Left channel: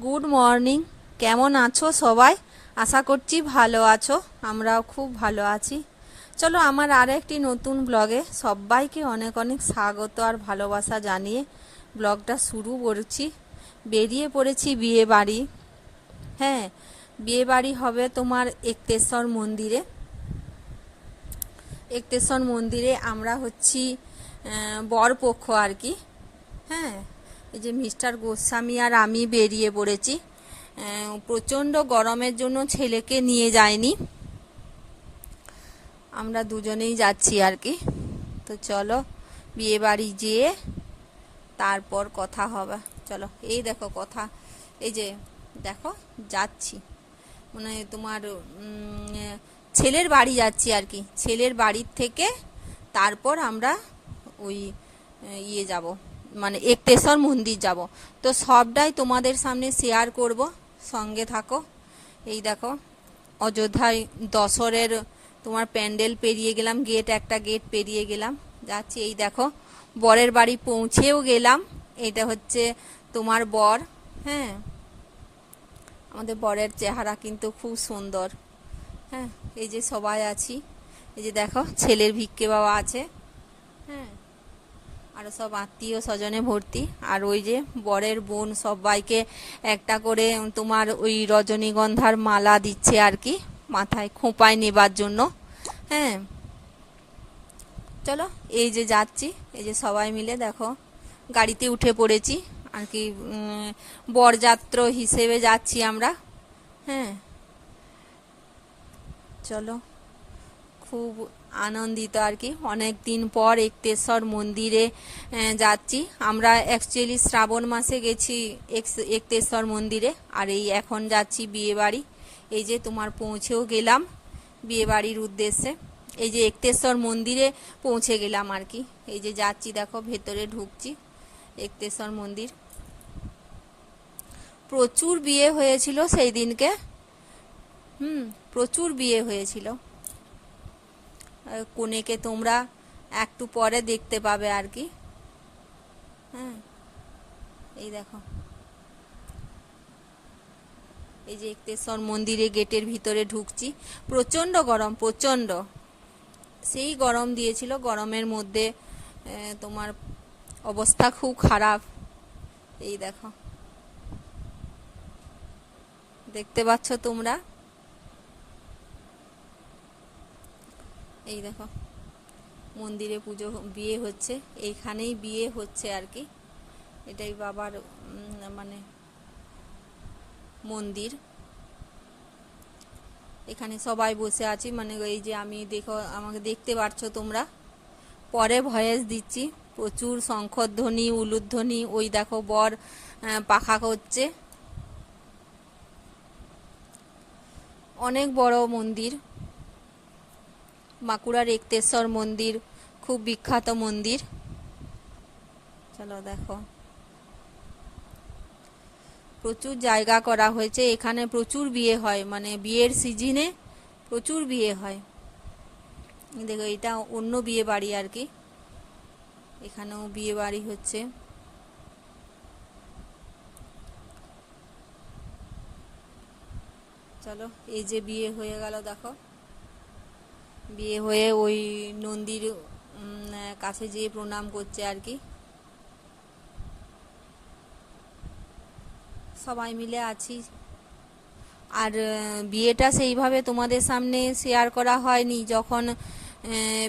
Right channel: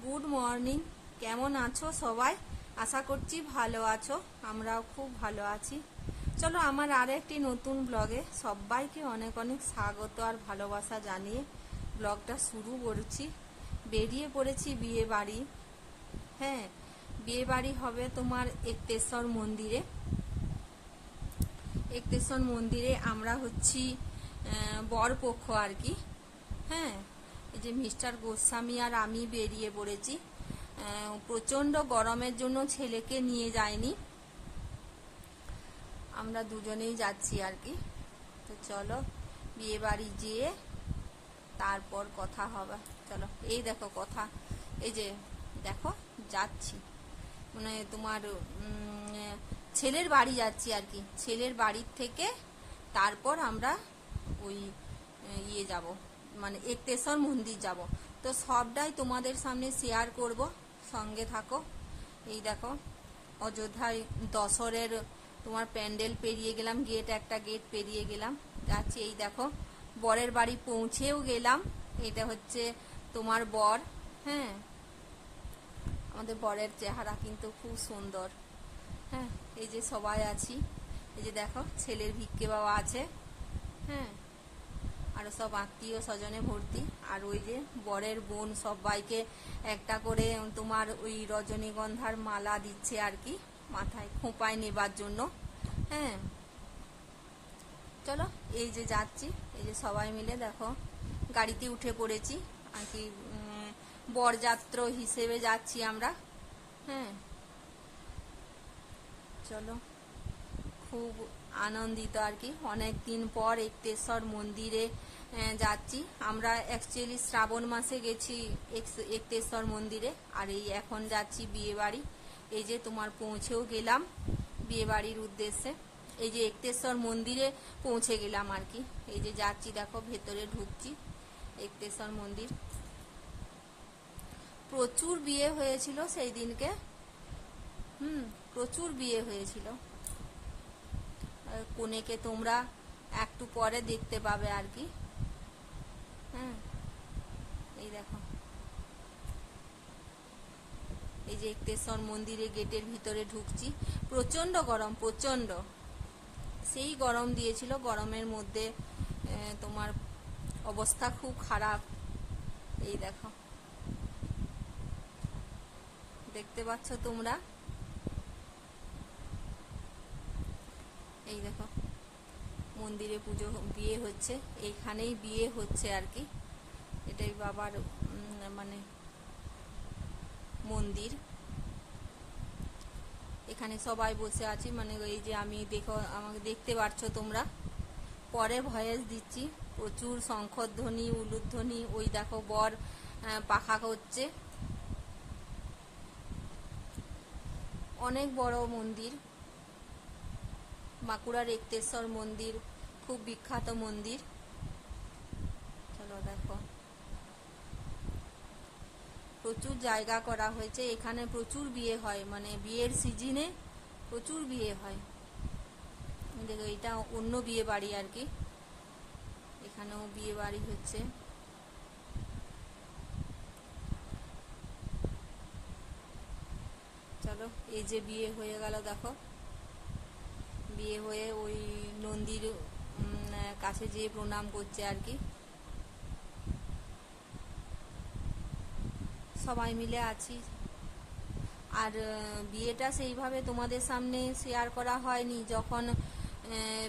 Good morning কেমন আছো সবাই? আশা করছি ভালো আছো। আমরাও খুব ভালো আছি। চলো আমার আর একটি নতুন ব্লগে সবাইকে অনেক অনেক স্বাগত আর ভালোবাসা জানিয়ে ব্লগটা শুরু করছি। বেরিয়ে পড়েছি বিয়ে বাড়ি হ্যাঁ বিয়ে বাড়ি হবে তোমার একতেশ্বর মন্দিরে। একতেশ্বর মন্দিরে আমরা হচ্ছি বরপক্ষ আর কি। হ্যাঁ এই যে মিস্টার গোস্বামী আর আমি বেরিয়ে পড়েছি। প্রচণ্ড গরমের জন্য ছেলেকে নিয়ে যায়নি আমরা দুজনেই যাচ্ছি আর কি। তো চলো, বিয়ে বাড়ি যেয়ে তারপর কথা হবে। চলো, এই দেখো কথা। এই যে, দেখো, যাচ্ছি। মানে তোমার ছেলের বাড়ি যাচ্ছি আর কি। ছেলের বাড়ির থেকে তারপর আমরা ওই ইয়ে যাব। মানে একটেশ্বর মন্দির যাব। তো সবটাই তোমাদের সামনে শেয়ার করব। সঙ্গে থাকো। এই দেখো, অযোধ্যায় দশরের তোমার প্যান্ডেল পেরিয়ে গেলাম গেট একটা গেট পেরিয়ে গেলাম। যাচ্ছি, এই দেখো, বরের বাড়ি পৌঁছেও গেলাম। এটা হচ্ছে তোমার বর হ্যাঁ? আমাদের বরের চেহারা কিন্তু খুব সুন্দর হ্যাঁ? এই যে সবাই আছি, এই যে দেখো, ছেলের ভিক্ষে বাবা আছে হ্যাঁ? আরও সব আত্মীয় স্বজনে ভর্তি। আর ওই যে বরের বোন সবাইকে একটা করে তোমার ওই রজনীগন্ধার মালা দিচ্ছে আর কি, মাথায় খোঁপায় নেবার জন্য। হ্যাঁ। চলো, এই যে যাচ্ছি, এই যে সবাই মিলে দেখো, গাড়িতে উঠে পড়েছি। আর কি বরযাত্র হিসেবে যাচ্ছি আমরা। হ্যাঁ। চলো, খুব আনন্দিত আর কি। অনেক দিন পর একতেশ্বর মন্দিরে যাচ্ছি। আমরা অ্যাকচুয়ালি শ্রাবণ মাসে গেছি একতেশ্বর মন্দিরে, আর এই এখন যাচ্ছি বিয়েবাড়ি। এই যে তোমার পৌঁছেও গেলাম বিয়েবাড়ির উদ্দেশ্যে। এই যে একতেশ্বর মন্দিরে পৌঁছে গেলাম আর কি। এই যে যাচ্ছি দেখো, ভেতরে ঢুকছি একতেশ্বর মন্দির। প্রচুর বিয়ে হয়েছিল সেই দিনকে। হুম, প্রচুর বিয়ে হয়েছিল। কনেকে তোমরা একটু পরে দেখতে পাবে আর কি। হ্যাঁ এই দেখো। এই যে একতেশ্বর মন্দিরে গেটের ভিতরে ঢুকছি। প্রচণ্ড গরম, প্রচণ্ড। সেই গরম দিয়েছিল। গরমের মধ্যে তোমার অবস্থা খুব খারাপ। এই দেখো। দেখতে পাচ্ছ তোমরা? এই দেখো, মন্দিরে পুজো বিয়ে হচ্ছে, এইখানেই বিয়ে হচ্ছে আর কি। এটাই বাবার মানে মন্দির। এখানে সবাই বসে আছি মানে এই যে আমি দেখো, আমাকে দেখতে পাচ্ছ তোমরা। পরে ভয়েস দিচ্ছি, প্রচুর শঙ্খধ্বনি, উলুধ্বনি, ওই দেখো বর পাখা করছে। অনেক বড় মন্দির। বাঁকুড়ার একতেশ্বর মন্দির, খুব বিখ্যাত মন্দির। চলো দেখো। প্রচুর জায়গা করা হয়েছে, এখানে প্রচুর বিয়ে হয় মানে বিয়ের সিজনে প্রচুর বিয়ে হয়। দেখো, এটা অন্য বিয়ে বাড়ি আর কি। এখানেও বিয়ে বাড়ি হচ্ছে। চলো, এই যে বিয়ে হয়ে গেল, দেখো। বিয়ে হয়ে ওই নন্দীর কাছে যেয়ে প্রণাম করছে আর কি। সবাই মিলে আছি। আর বিয়েটা সেইভাবে তোমাদের সামনে শেয়ার করা হয়নি। যখন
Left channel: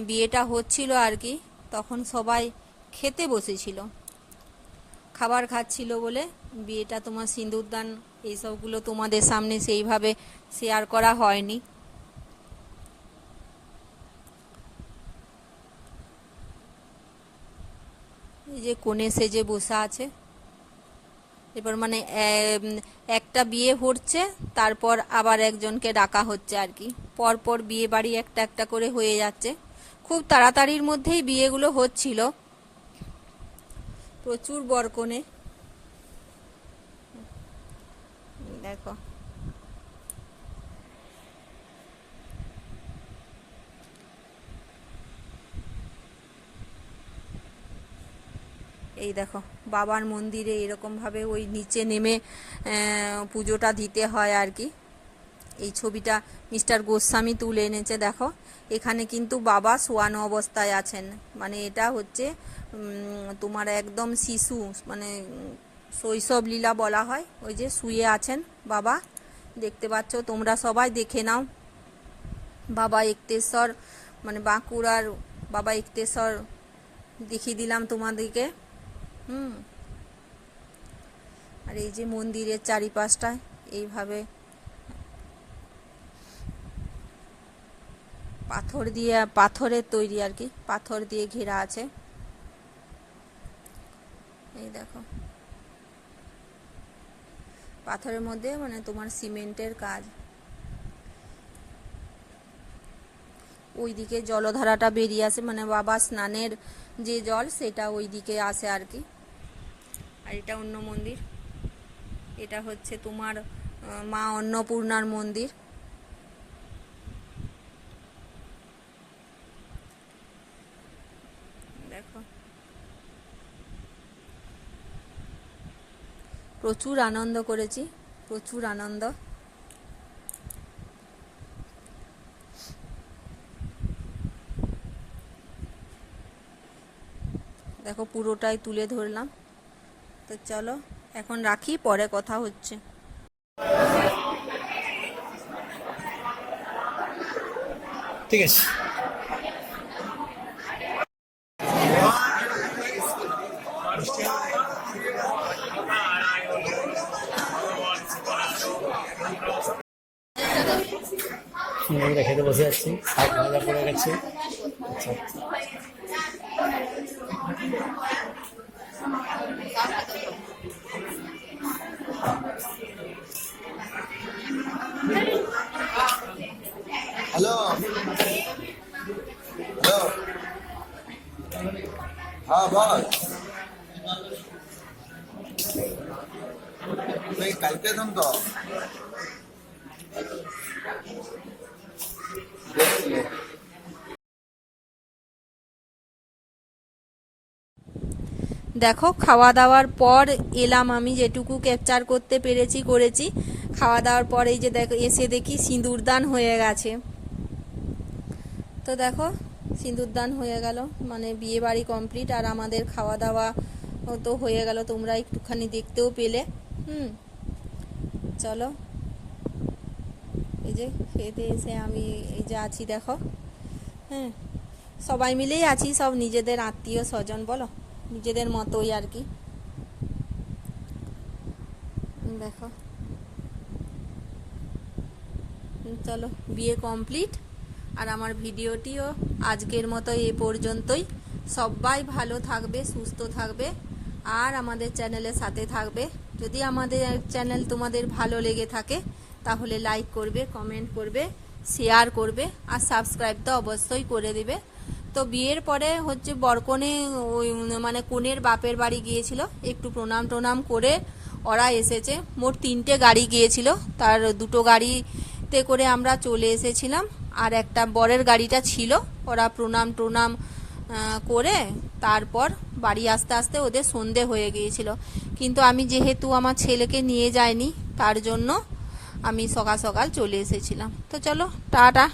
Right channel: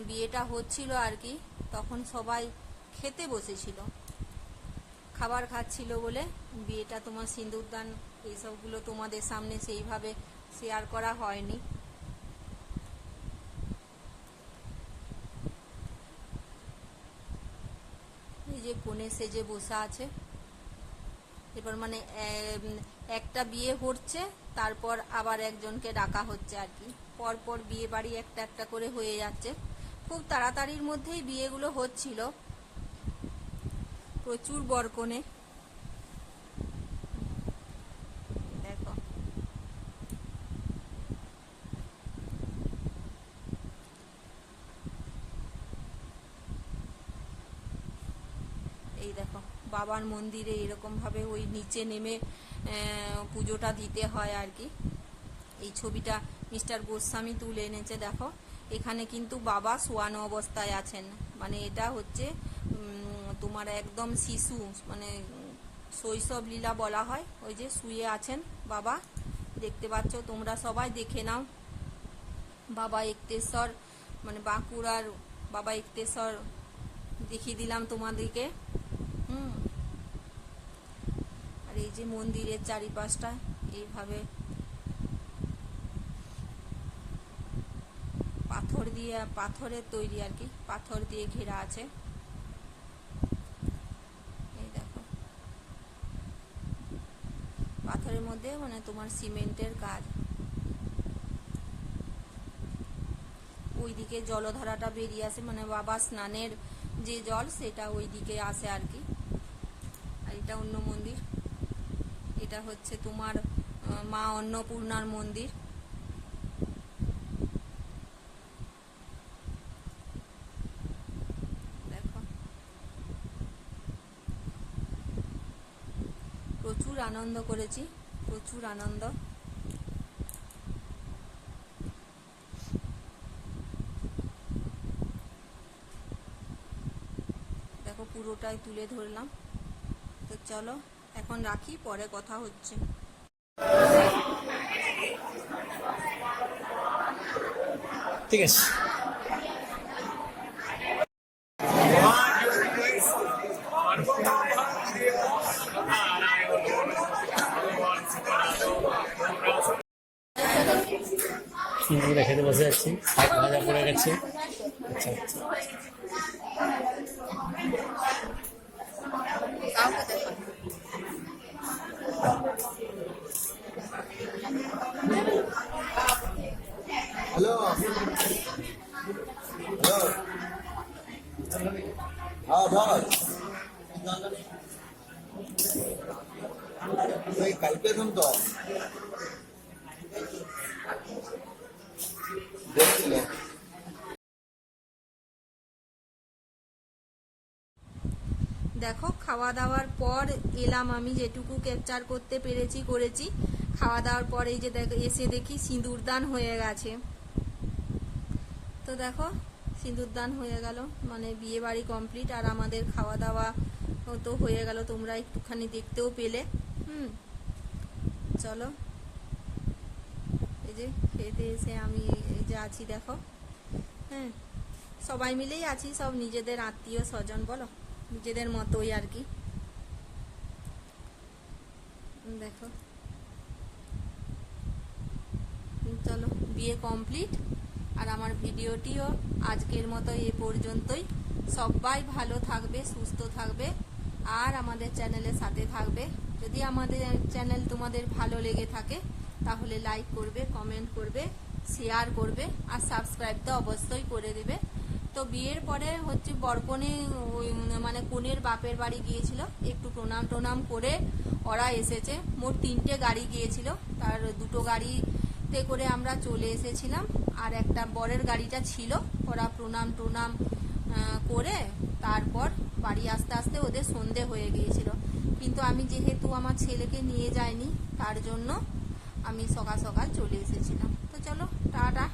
বিয়েটা হচ্ছিল আর কি, তখন সবাই খেতে বসেছিল। খাবার খাচ্ছিল বলে বিয়েটা তোমার সিঁদুরদান, এইসবগুলো তোমাদের সামনে সেইভাবে শেয়ার করা হয়নি। যে কোণে সেজে বসে আছে। এবার মানে একটা বিয়ে হচ্ছে, তারপর আবার একজনকে ডাকা হচ্ছে আর কি। পরপর বিয়ে বাড়ি একটা একটা করে হয়ে যাচ্ছে। খুব তাড়াতাড়ির মধ্যেই বিয়েগুলো হচ্ছিল। প্রচুর বরকনে দেখো এই দেখো, বাবার মন্দিরে এরকমভাবে ওই নিচে নেমে পুজোটা দিতে হয় আর কি। এই ছবিটা মিস্টার গোস্বামী তুলে এনেছে, দেখো। এখানে কিন্তু বাবা শোয়ানো অবস্থায় আছেন। মানে এটা হচ্ছে তোমার একদম শিশু মানে শৈশব লীলা বলা হয়। ওই যে শুয়ে আছেন বাবা। দেখতে পাচ্ছ, তোমরা সবাই দেখে নাও। বাবা একতেশ্বর মানে বাঁকুড়ার বাবা একতেশ্বর দেখিয়ে দিলাম তোমাদেরকে। আর এই যে মন্দিরের চারিপাশটায় এইভাবে পাথর দিয়ে, পাথরের তৈরি আর কি, পাথর দিয়ে ঘেরা আছে। এই দেখো। পাথরের মধ্যে মানে তোমার সিমেন্টের কাজ। ওইদিকে জলধারাটা বেরিয়ে আসে মানে বাবা স্নানের যে জল সেটা ওইদিকে আসে আর কি। আর এটা অন্য মন্দির। এটা হচ্ছে তোমার মা অন্নপূর্ণার মন্দির। প্রচুর আনন্দ করেছি, প্রচুর আনন্দ। দেখো পুরোটাই তুলে ধরলাম। তো চলো, এখন রাখি, পরে কথা হচ্ছে। ঠিক আছে। খেতে বসে যাচ্ছি শাক ভাজা পড়ে গেছে। আচ্ছা। কালকে তো। দেখো খাওয়া দাওয়ার পর এলাম আমি যেটুকু ক্যাপচার করতে পেরেছি, করেছি। খাওয়া দাওয়ার পর এই যে দেখো, এসে দেখি সিঁদুরদান হয়ে গেছে। তো দেখো সিঁদুরদান হয়ে গেল। মানে বিয়ে বাড়ি কমপ্লিট আর আমাদের খাওয়া দাওয়া তো হয়ে গেল। তোমরা একটুখানি দেখতেও পেলে। হুম। চলো। এই যে খেতে এসে আমি এই যে আছি, দেখো। হ্যাঁ। সবাই মিলেই আছি, সব নিজেদের আত্মীয় স্বজন, বলো? নিজেদের মতোই আর কি। দেখো। চলো। বিয়ে কমপ্লিট আর আমার ভিডিওটিও আজকের মতো এ পর্যন্তই। সবাই ভালো থাকবে, সুস্থ থাকবে, আর আমাদের চ্যানেলের সাথে থাকবে। যদি আমাদের চ্যানেল তোমাদের ভালো লেগে থাকে, তাহলে লাইক করবে কমেন্ট করবে শেয়ার করবে, আর সাবস্ক্রাইব তো অবশ্যই করে দেবে। তো বিয়ের পরে হচ্ছে বরকনে ওই মানে কনের বাপের বাড়ি গিয়েছিল, একটু প্রণাম টনাম করে ওরা এসেছে। মোট তিনটে গাড়ি গিয়েছিল, তার দুটো গাড়িতে করে আমরা চলে এসেছিলাম। আর একটা বরের গাড়িটা ছিল, ওরা প্রণাম টুনাম করে তারপর বাড়ি আসতে আসতে ওদের সন্ধে হয়ে গিয়েছিল। কিন্তু আমি যেহেতু আমার ছেলেকে নিয়ে যাইনি, তার জন্য আমি সকাল সকাল চলে এসেছিলাম। তো চলো, টাটা।